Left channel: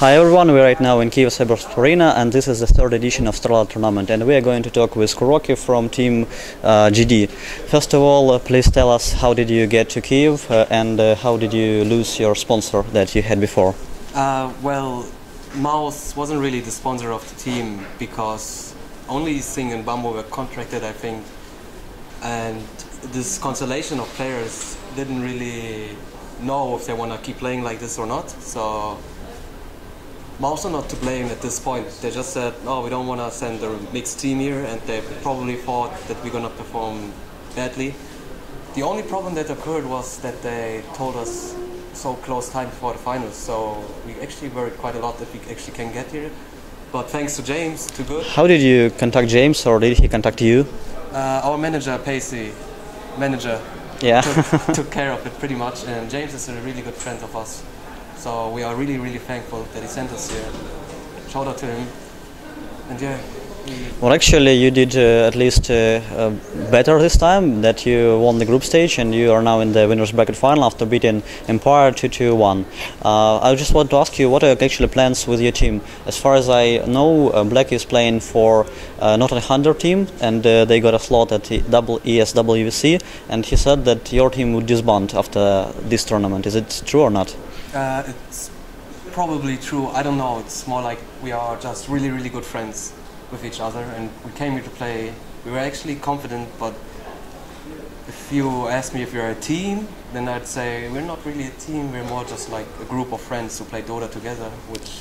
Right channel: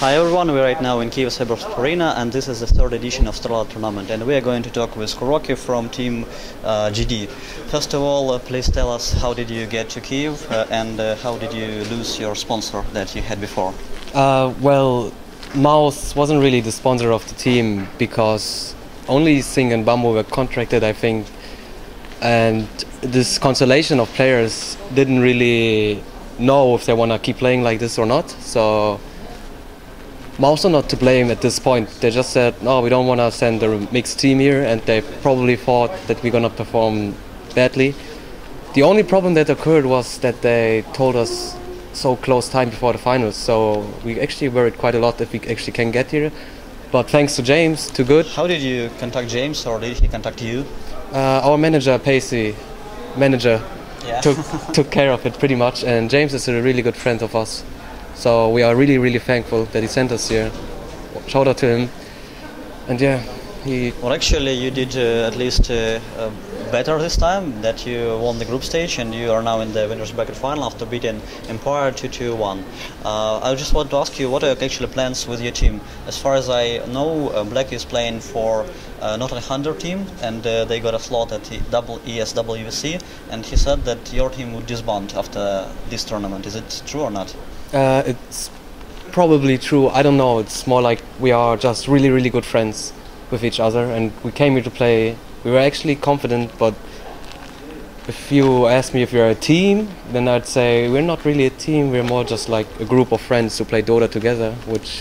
Hi everyone, we're right now in Kyiv Cybersport Arena and this is the third edition of StarLadder tournament and we are going to talk with KuroKy from team GD. First of all, please tell us how did you get to Kyiv and how did you lose your sponsor that you had before? Well, Mouse wasn't really the sponsor of the team because only Singh and Bambo were contracted, I think, and this constellation of players didn't really know if they want to keep playing like this or not, so Mouse are not to blame at this point. They just said, no, we don't want to send a mixed team here, and they probably thought that we're going to perform badly. The only problem that occurred was that they told us so close time before the finals, so we actually worried quite a lot that we actually can get here. But thanks to James, too good. How did you contact James, or did he contact you? Our manager, Pacey, took care of it pretty much, and James is a really good friend of us. So we are really, really thankful that he sent us here. Shout out to him. And yeah, Well, actually, you did at least better this time, that you won the group stage and you are now in the winners bracket final after beating Empire 2-1. I just want to ask you, what are actually plans with your team? As far as I know, Black is playing for not a Hunter team, and they got a slot at the ESWC, and he said that your team would disband after this tournament. Is it true or not? It's probably true. I don't know. It's more like we are just really, really good friends with each other, and we came here to play. We were actually confident, but if you ask me if we're a team, then I'd say we're not really a team. We're more just like a group of friends who play Dota together.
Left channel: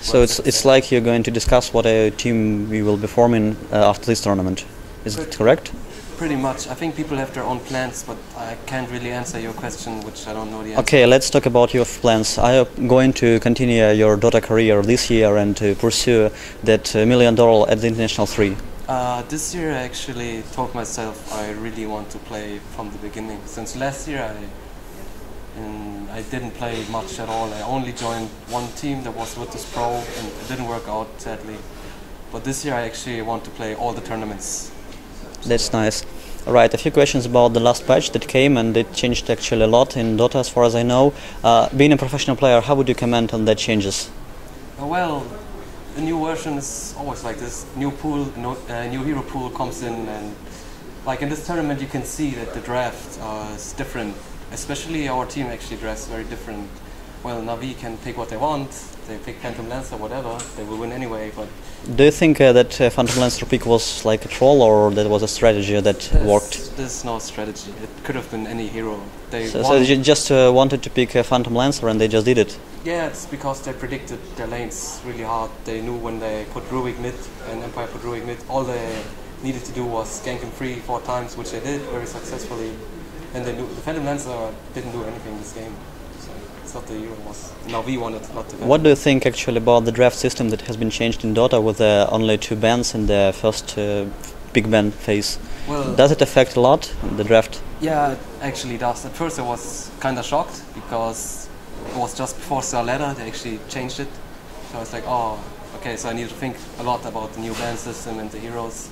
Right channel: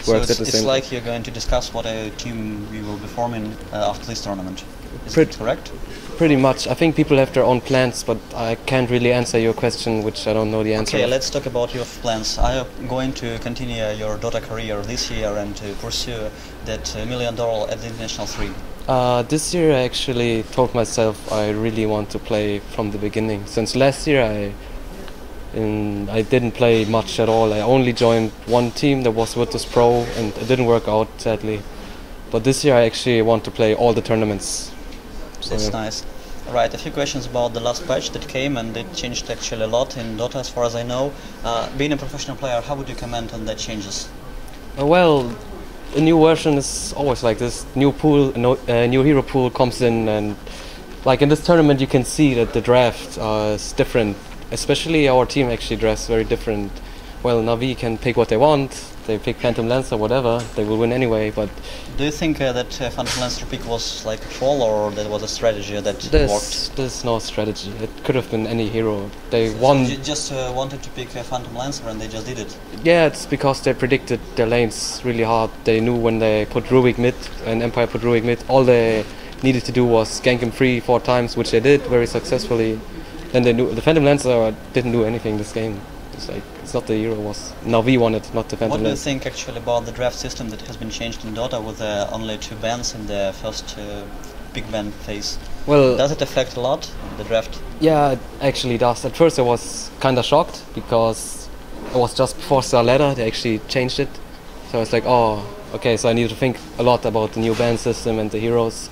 So it's like you're going to discuss what a team we will be forming after this tournament. Is it correct? Pretty much. I think people have their own plans, but I can't really answer your question, which I don't know the answer. Okay, let's talk about your plans. Are you going to continue your Dota career this year and to pursue that $1 million at the International 3? This year I actually told myself I really want to play from the beginning. Since last year I didn't play much at all. I only joined one team that was Virtus Pro, and it didn't work out, sadly. But this year I actually want to play all the tournaments. That's nice. Right, a few questions about the last patch that came, and it changed actually a lot in Dota as far as I know. Being a professional player, how would you comment on that changes? Well, a new version is always like this. New pool, new hero pool comes in, and like in this tournament you can see that the draft is different. Especially our team actually drafts very different. Well, Navi can pick what they want. They pick Phantom Lancer, whatever, they will win anyway, but... Do you think that Phantom Lancer pick was like a troll, or that was a strategy that worked? There's no strategy. It could have been any hero. They so you just wanted to pick Phantom Lancer and they just did it? Yeah, it's because they predicted their lanes really hard. They knew when they put Rubik mid and Empire put Rubik mid, all they needed to do was gank him 3-4 times, which they did very successfully. And they knew the Phantom Lancer didn't do anything this game. It's not the hero, was Navi won it, not the Phantom. What do you think actually about the draft system that has been changed in Dota with only 2 bans in the first big ban phase? Well, does it affect a lot, the draft? Yeah, it actually does. At first I was kind of shocked because it was just before StarLadder they actually changed it. So it's like, oh, okay, so I need to think a lot about the new ban system and the heroes.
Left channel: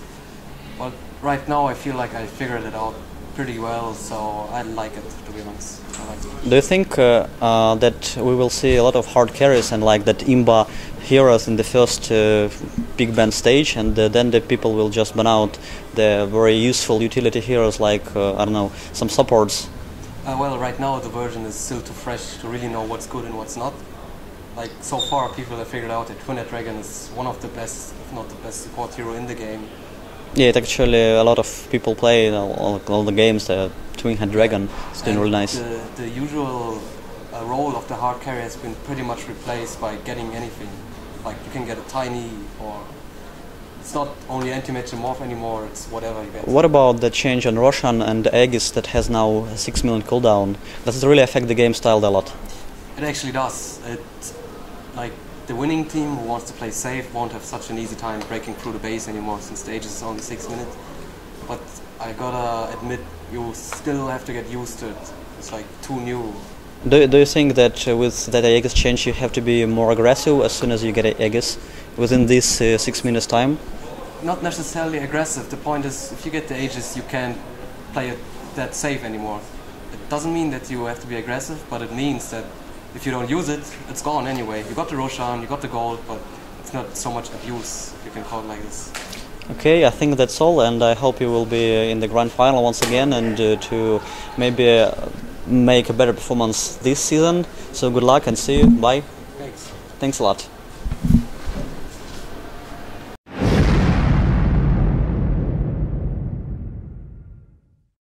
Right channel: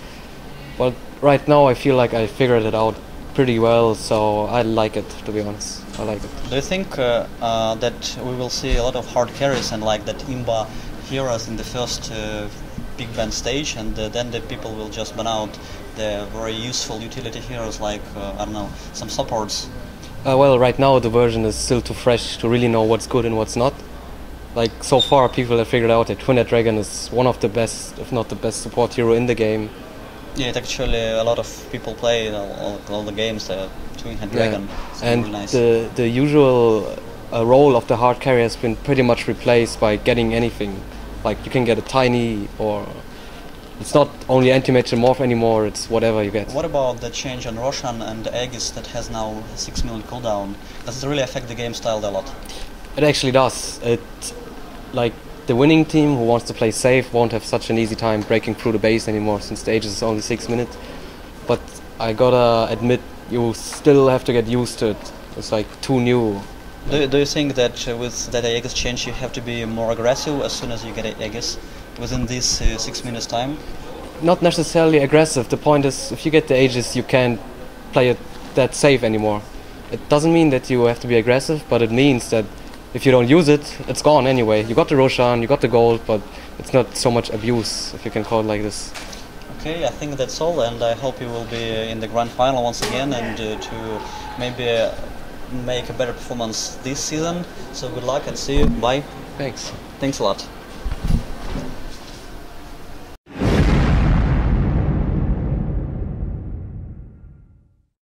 But right now I feel like I figured it out pretty well, so I like it, to be honest. I like it. Do you think that we will see a lot of hard carries and like that Imba heroes in the first big ban stage, and then the people will just ban out the very useful utility heroes like, I don't know, some supports? Well, right now the version is still too fresh to really know what's good and what's not. Like, so far people have figured out that Twin-Head Dragon is one of the best, if not the best support hero in the game. Yeah, it actually a lot of people play all the games. The Twin-Head Dragon is really nice. The usual role of the hard carry has been pretty much replaced by getting anything. Like you can get a tiny, or it's not only anti-match and morph anymore. It's whatever you get. What about the change on Roshan and Aegis that has now a 6 million cooldown? Does it really affect the game style a lot? It actually does. Like the winning team who wants to play safe won't have such an easy time breaking through the base anymore, since the Aegis is only 6 minutes. But I gotta admit, you still have to get used to it. It's like too new. Do you think that with that Aegis change you have to be more aggressive as soon as you get Aegis within this 6 minutes time? Not necessarily aggressive. The point is, if you get the Aegis, you can't play it that safe anymore. It doesn't mean that you have to be aggressive, but it means that if you don't use it, it's gone anyway. You got the Roshan, you got the gold, but it's not so much abuse, if you can call it like this. Okay, I think that's all, and I hope you will be in the grand final once again, and to maybe make a better performance this season. So good luck and see you. Bye. Thanks. Thanks a lot.